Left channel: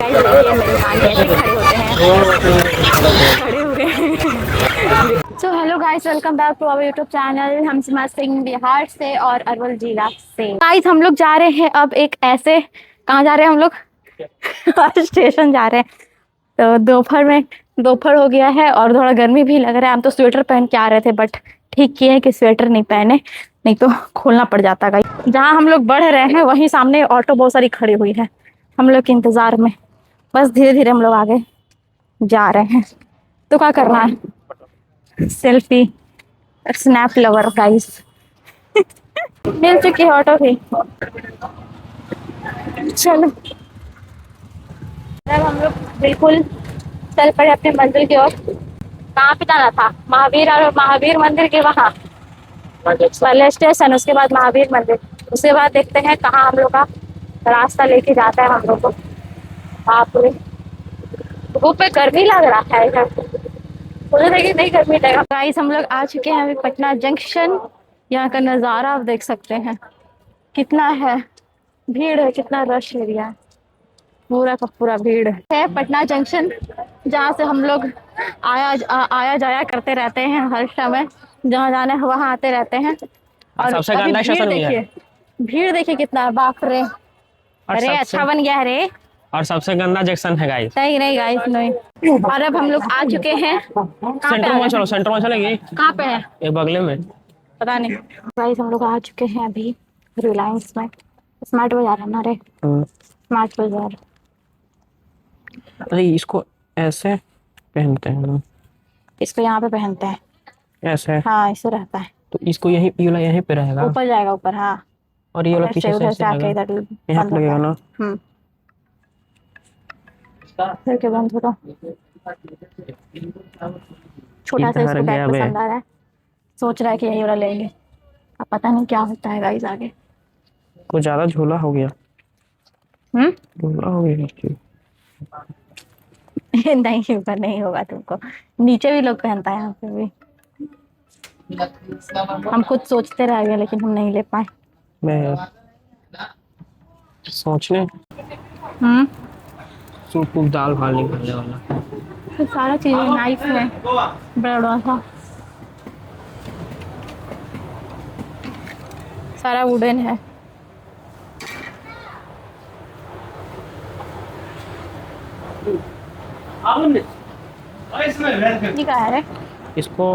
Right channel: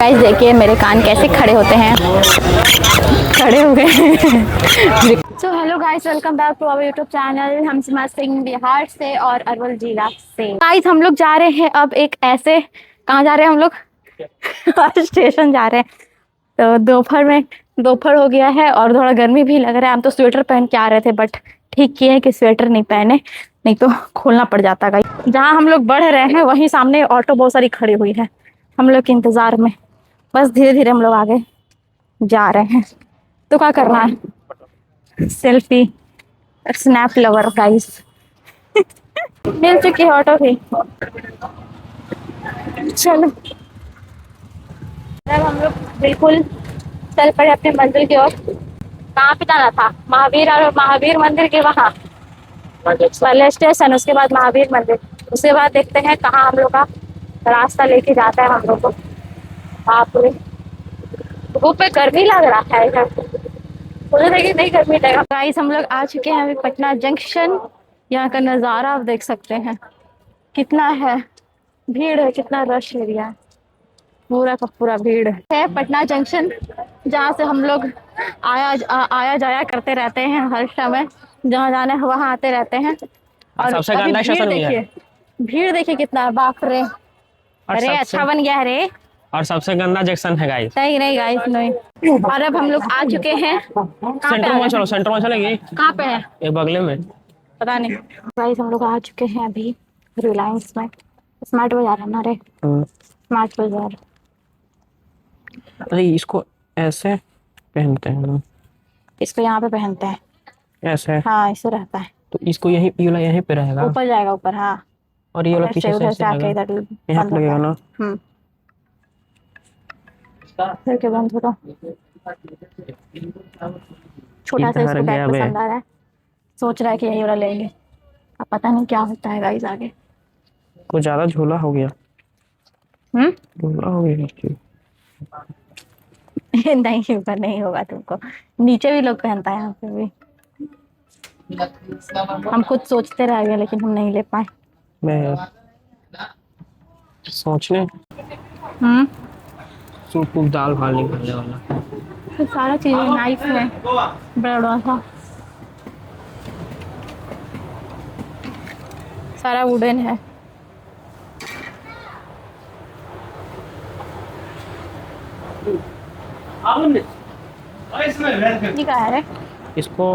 Guys देखिए मेरे कान कैसे खड़े होते हैं, खड़े हुए so hello guys, welcome back to our YouTube channel. हम सिमा सिंह बिहार से और अरवल जिला से। गाइस हम लोग जा रहे हैं अब एक ऐसे, कहाँ जा रहे हैं हम लोग? स्टेशन जा रहे हैं। तो दोपहर हो गया है और थोड़ा गर्मी भी लग रहा है। हम तो स्वेटर पहन के आ रहे थे बट ठीक किए हैं कि स्वेटर नहीं पहने, नहीं तो खोलना पड़ जाता। गाइस जहाँ हम लोग बढ़ रहे हैं वहीं सामने ऑटो बहुत सारी खड़ी हुई है हम लोग के इंतजार में। बस धीरे धीरे हम लोग आगे जा रहे हैं। तो क्या करना है? Selfie, snap lover guys. मिल चुकी है ऑटो भी। चलो अब हम लोग बिल्कुल चल पड़े अपने मंजिल की ओर। कहाँ पे जाना था? महावीर और महावीर मंदिर के वहाँ पहले स्टेशन, उसके बाद महावीर मंदिर, उसके बाद देखते हैं कहाँ हम लोग का रास्ता लेके जाता है हम लोग को। बाप रे, धूप पे गर्मी लग रहा है इधर, मुझे देखिए नहीं गर्मी लगेगा। गाइस हम लोग आ चुके हैं अभी पटना जंक्शन। यहाँ का नज़ारा आप देख सकते हैं, कितना है भीड़ है, कितना रश एरिया है, पूरा का पूरा भीड़ है। पटना जंक्शन जहाँ से हम लोग आया जाया करते रहते हैं हर समय, जहाँ जाना है वहाँ आते रहते हैं। और सबसे अभी गंदा भीड़ स्टेशन भी है। देखिए, भीड़ देखिए कितना है, बाप रे। और अरे अच्छा बन गया है रे। और सबसे गंदा जंक्शन है गाइस। नहीं नहीं गाइस नहीं। और अब हम लोग आ चुके हैं, कहाँ पे सेंटर आ में गए चलो, हैं? सेंटर में चलेगी। कहाँ पे है? ये बगले में। पता नहीं। गाइस हम लोग आ चुके हैं अभी रिलायंस में। स्मार्ट बाजार है ना रे, स्मार्ट बाजार। अरे इसको ऐसे पहनते हैं ना, इसको यहाँ पे पहनते हैं। ऐसे। हाँ इससे रहता है। तो इसको यही, ये वाला यहीं पे रहेगा ऊपर जाएगा ऊपर, हाँ। और ये वाला पीछे से उधर ऐसे से आके रहेगा, इधर यहाँ बंद पे होता लगेगा है। ना। फिर के बंद होगा। छोटा सा इधर इसको बैग गया बे। पसंद आ रहा है, सोच रहा है कि यही वाला लेंगे। अब पता नहीं क्या होता है गाइस आगे। कुछ ज्यादा झोला हो गया, झोला हो गया इसकी। नहीं ऊपर नहीं होगा तुमको, नीचे भी लोग पहनता है यहाँ पे भी। हम खुद सोचते रह गए लेकिन हम नहीं ले पाए। मैं सोचने हम्म सूप वूप दाल भात निकालने वाला। तो सारा चीज नाइफ है, बड़ा बड़ा सा सारा वुडन है। ये क्या है रे? इसको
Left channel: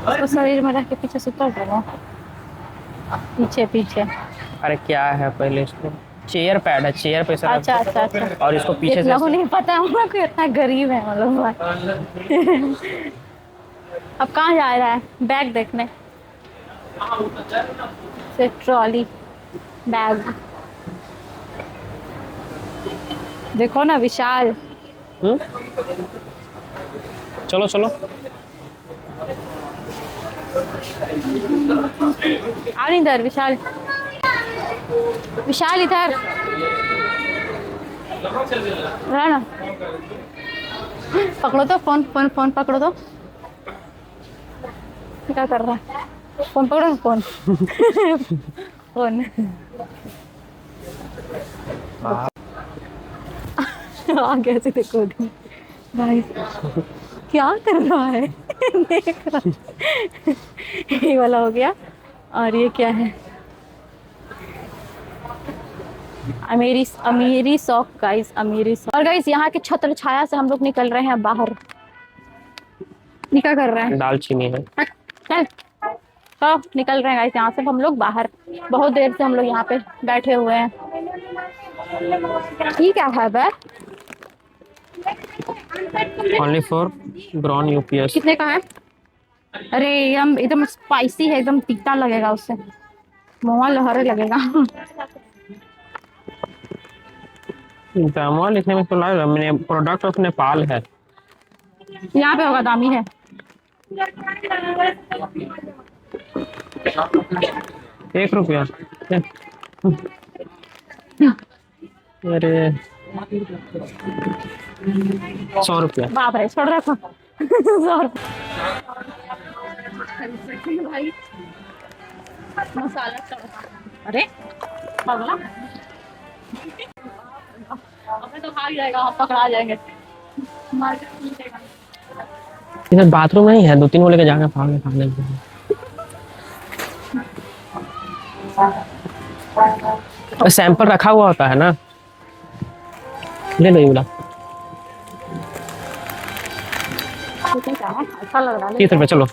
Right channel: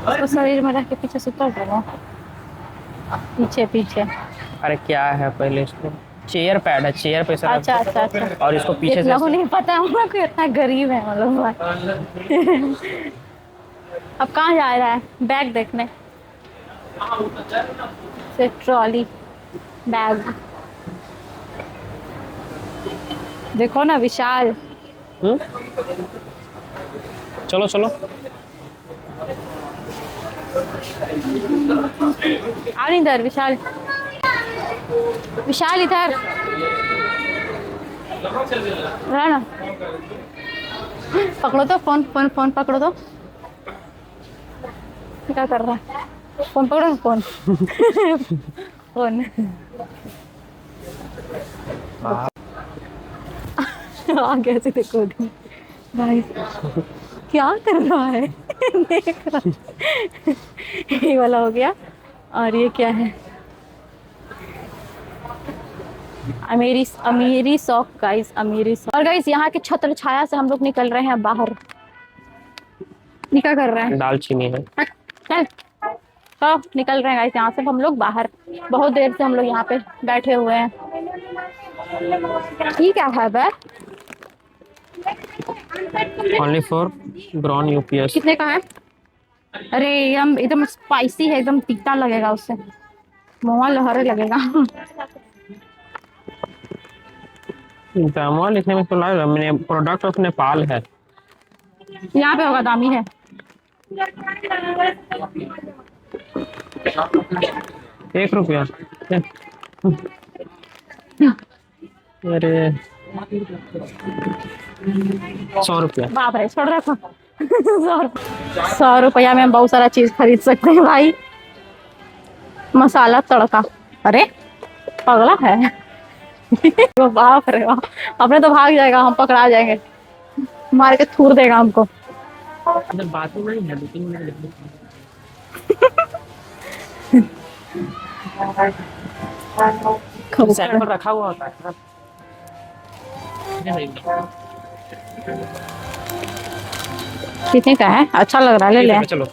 उसको शरीर में रख के पीछे से उतर देना, पीछे पीछे। अरे क्या है, पहले इसको चेयर पैड है, चेयर पे सर। अच्छा अच्छा अच्छा, और इसको पीछे इतना से नहीं पता हम लोग को, इतना गरीब है हम लोग। अब कहाँ जा रहा है? बैग देखने से, ट्रॉली बैग देखो ना, विशाल। चलो चलो। आ नहीं इधर विशाल, विशाल इधर रहा ना। पकड़ो तो फोन, फोन फोन पकड़ो तो। क्या कर रहा है? फोन पकड़ो ना, फोन। फोन आगे से देखो भाई क्या कर रहा है। देख रहा, ये वाला हो गया। और ये क्या है? अमीरी अमीरी शौक गाइस, अमीरी शौक। और गाइस यहाँ के छत्र छाया से हम लोग निकल रहे हैं बाहर। क्या कर रहे हैं? दालचीनी है। चल तो निकल रहे हैं गाइस यहाँ से हम लोग बाहर। बहुत देर से हम लोग यहाँ पे बैठे हुए हैं। ये क्या है बे? Only for brown UPS. कितने का है? अरे एकदम एकदम स्पाइसी है, एकदम तीखा लगेगा, उससे मुँह लहरे लगेगा। दामवा लिखने में तो लग रहा है, मैंने प्रोडक्ट ऑफ नेपाल है। यहाँ पे होगा, दामी है। 1 रुपया। अरे 100 रुपया। बाप रे, छोड़ रखो। 100 रुपया में हम बहुत सारा चीज खरीद सकते हैं भाई। मसाला तड़का, अरे पगला है। बाप रे बाप, अपने तो भाग जाएगा, हम पकड़ा जाएंगे, मार के थूर देगा हमको। इधर बाथरूम नहीं है, 2-3 को लेके जाके भाग लेंगे। सैंपल रखा हुआ होता है ना, ले लो ये वाला। कितने का है? अच्छा लग रहा है, ले ले। चलो।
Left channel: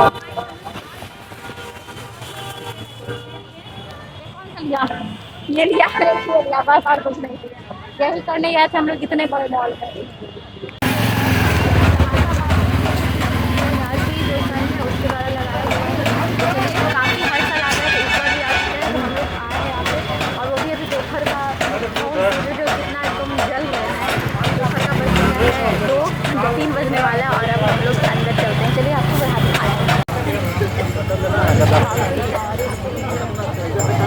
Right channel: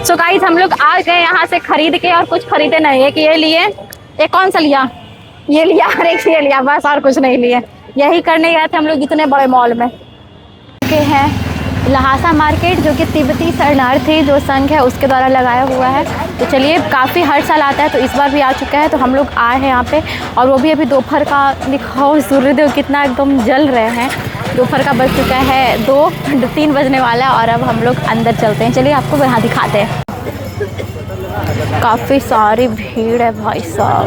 सो गाइस हम लोग आ गए यहाँ से खरीद के, और कुछ खरीदे नहीं। एक ये लिए, एक कौन सा लिया, ये लिया, और एक ये लिया, बस और कुछ नहीं लिए। यही करने गए थे हम लोग इतने बड़े मॉल में। के है लहासा मार्केट, जो कि तिब्बती शरणार्थी जो संघ है उसके द्वारा लगाया हुआ है। तो चलिए, काफ़ी हर साल आता है, तो इस बार भी आ चुका है। तो हम लोग आए हैं यहाँ पे, और वो भी अभी दोपहर का। दिखाओ सूर्यदेव कितना एकदम जल रहे हैं। दोपहर का बज चुका है 2-3 बजने वाला है, और अब हम लोग अंदर चलते हैं। चलिए आपको यहाँ दिखाते हैं। काफ़ी सारी भीड़ है भाई साहब,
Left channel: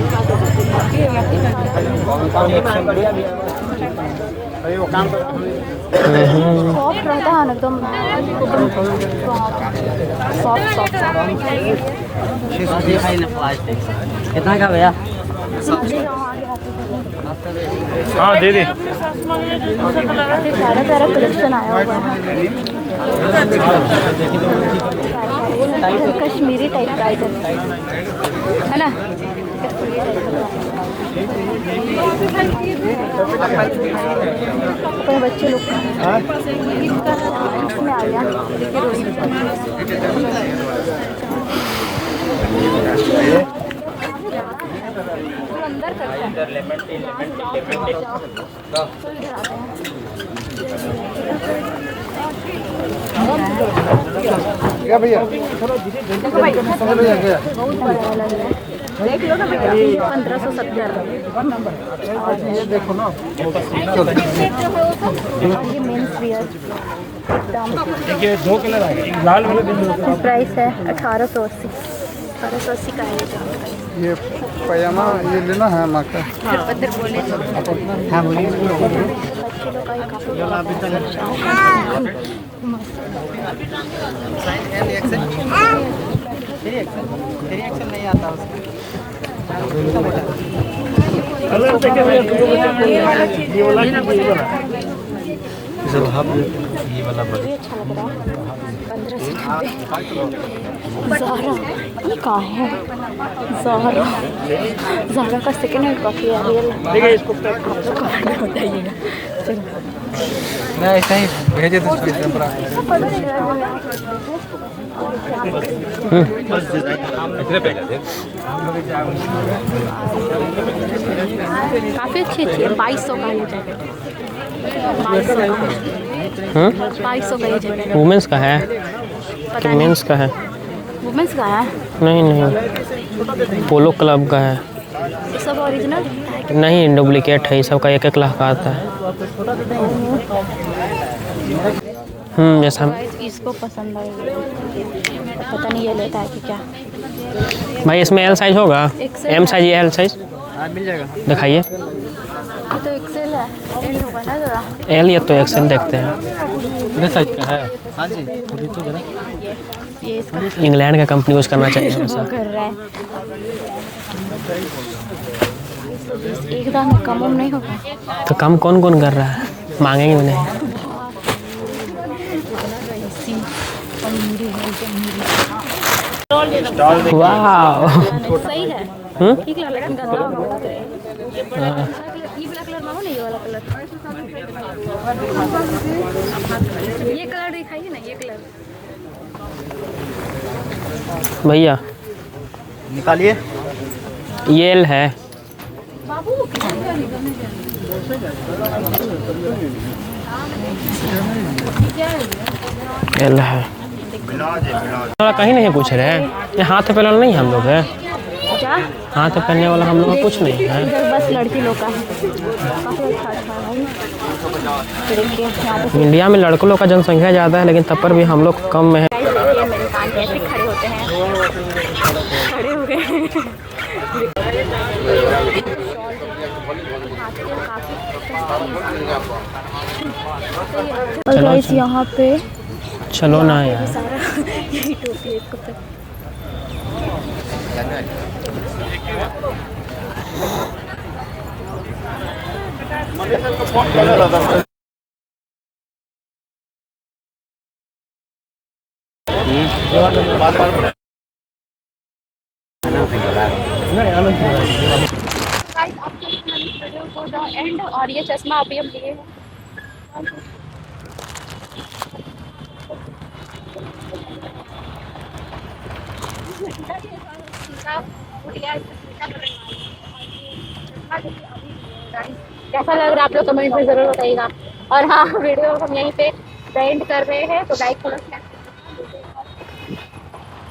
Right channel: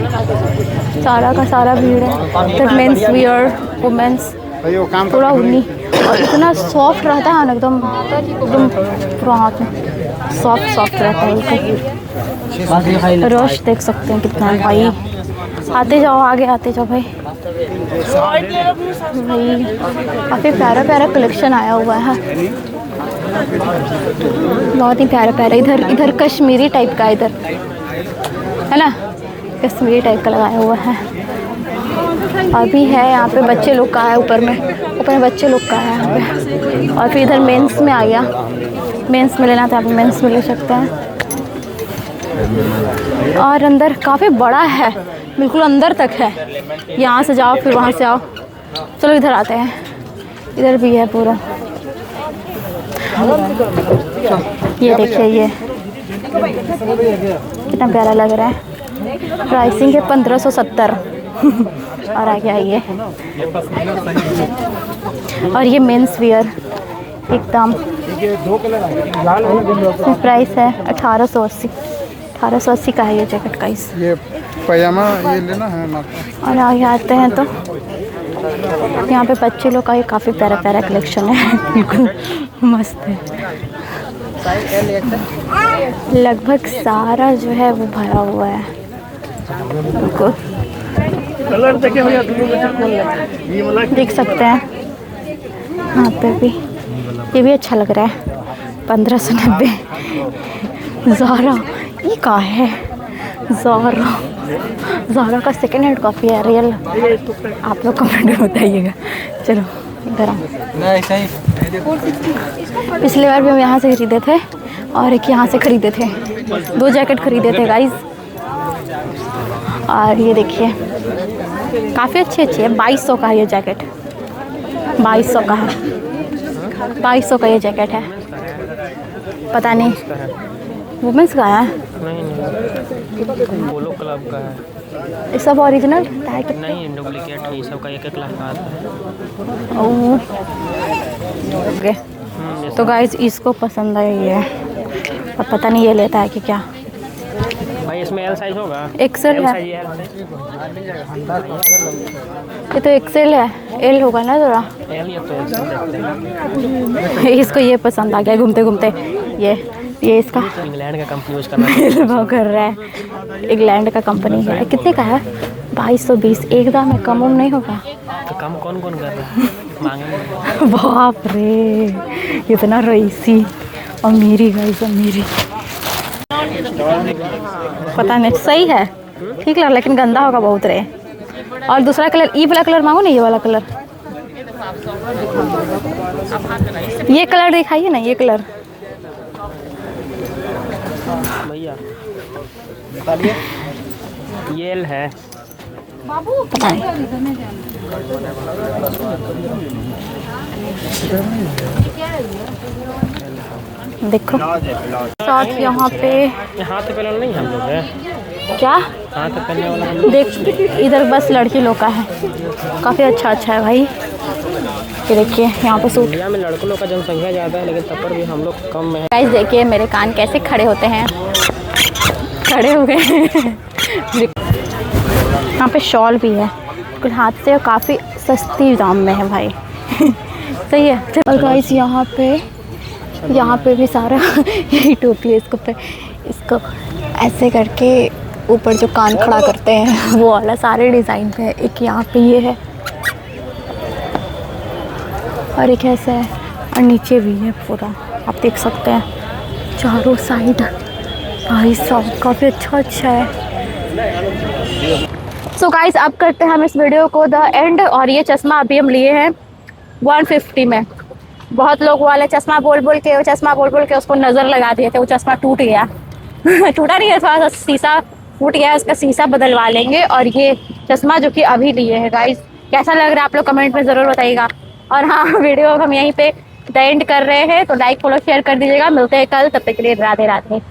सारा का सारा भीड़ है। मेंस वियर, वुमेंस, पूरा उन्नी। इतना सॉफ्ट रहता है ना, एकदम पूरा हाथ में सॉफ्ट रहता है। रश देख सकते हैं कितना भाई। आते जाओ, आगे आते जाओ भाई। काफ़ी प्यारा प्यारा कलेक्शन आया हुआ है, बहुत ही प्यारा प्यारा। इधर कश्मीरी टाइप का, इधर है ना, कश्मीरी टाइप का लगाया हुआ है। अभी है यहाँ पे बच्चे लोग का है, ऊपर में बच्चे लोग का है यहाँ पे। और फिर इधर मेंस में आ गया, मेंस में लेना था, आप मेंस में ले सकते हैं। और अंदर काफ़ी बड़ा है, बिल्कुल अंदर तक है। यहाँ से जाओ फिर वहाँ से आओ। चलो इधर आते हैं, इधर भी है पूरा। ये देखिए, ये कितना प्यारा लग रहा है। प्राइसिंग है 1570 और आ गया ये। और ये मेंस वियर एकदम, प्राइस है 1880 का है ये जैकेट का। इस ये पजामा ये लेना है माता। और आगे आते हैं तो यहाँ पे बच्चे लोग का काफ़ी प्यारा प्यारा कलेक्शन है, मस्त है। लगभग सारा जो है वो भरा हुआ है। देख सकते हैं यहाँ पे भी, ये भी अच्छा लग रहा है। 1590। ज़ारा, ये कहाँ है? ज़ारा का सेकेंड हैंड काफ़ी है, रियल। आप लोग कमेंट में बताइएगा। चलो पिछली बार भी हम यहाँ से खरीदे थे, और एक यहाँ से खरीदे थे। 2 जैकेट खरीदे थे गाइस। और ये देखिए, काफ़ी अच्छी है। 2200 का ये जैकेट, 2200 का है। 2200 का ये जैकेट है। वुमेन्स का है, पता नहीं, मेंस का है। वुमेंस का है? नहीं, पोलो क्लब का है। ये सब ओरिजिनल नहीं, डुप्लीकेट है। ये सब का 1-1 लाख का आता है। ओके। तो गाइस इसको पसंद आई है, अब पता नहीं ये लेता है कि क्या। भाई इसमें एल साइज होगा? एक्सेल एम है। साइज, एल साइज दिखाइए। ये तो एक्सेल है, एल होगा ना ज़रा। एल या तो एक्सेल देखते हैं। इसको ये पसंद आ गया, घूमते घूमते ये इसका इंग्लैंड का कंपनी यूज़ करना चाहिए। वो कर रहा है, इंग्लैंड का कंपनी है। कितने का है? 2220। एकदम में कम नहीं होगा? तो कम कौन कौन कर रहा है, मांगेंगे नहीं। बाप रे, इतना रईसी अमीरी है, अमीरी। वाह, पता नहीं, सही है, ठीक लग, लेकिन गंदा होगा बहुत रे। और दूसरा कलर, ई वाला कलर मांगो ना, ये वाला कलर, ये कलर दिखाइए ना, ये कलर भैया निकालिए। ये एल है। पता नहीं। एल है, देखो कहीं नहीं पूछ रहे हैं। ये हाथ पे पहले नहीं हम लोग हैं क्या, हाथ पे पहनने वाला हम लोग कुछ नहीं है। इधर बस लड़की लोग का है, काफ़ी अच्छा है भाई। ये देखिए यहाँ पे इंडिया में लड़कों लोग का जनसंख्या ज़्यादा है, लेकिन तब पर भी हम लोग कम में है। गाइस देखिए मेरे कान कैसे खड़े होते हैं, खड़े हुए। यहाँ पे शॉल भी है, कुछ हाथ से काफ़ी सस्ती दाम में है भाई। सही है। और गाइस यहाँ पे चलो यहाँ ना पे यार। भी सारा यही टोपी है। इसको ऐसे करके ऊपर जो कान खड़ा करते हैं वो वाला सारे डिज़ाइन है। एक यहाँ पे ये है और एक ऐसा है और नीचे भी है पूरा, आप देख सकते हैं चारों साइड। भाई साहब काफ़ी अच्छा है। सो गाइस अब करते हैं हम इस वीडियो को द एंड। और ये चश्मा अभी हम लिए हैं 150 में। बहुत लोग वाले चश्मा बोल बोल के उसको नज़र लगा दिए थे, वो चश्मा टूट गया टूटा नहीं है, थोड़ा सा शीशा फूट गया है, उसका शीशा बदलवा लेंगे। और ये चश्मा जो कि अभी लिए है गाइस, कैसा लग रहा है आप लोग कमेंट में ज़रूर बताइएगा। और हाँ, वीडियो हम यहीं पे द एंड कर रहे हैं, तो लाइक फॉलो शेयर कर दीजिएगा। मिलते हैं कल, तब तक के लिए राधे राधे।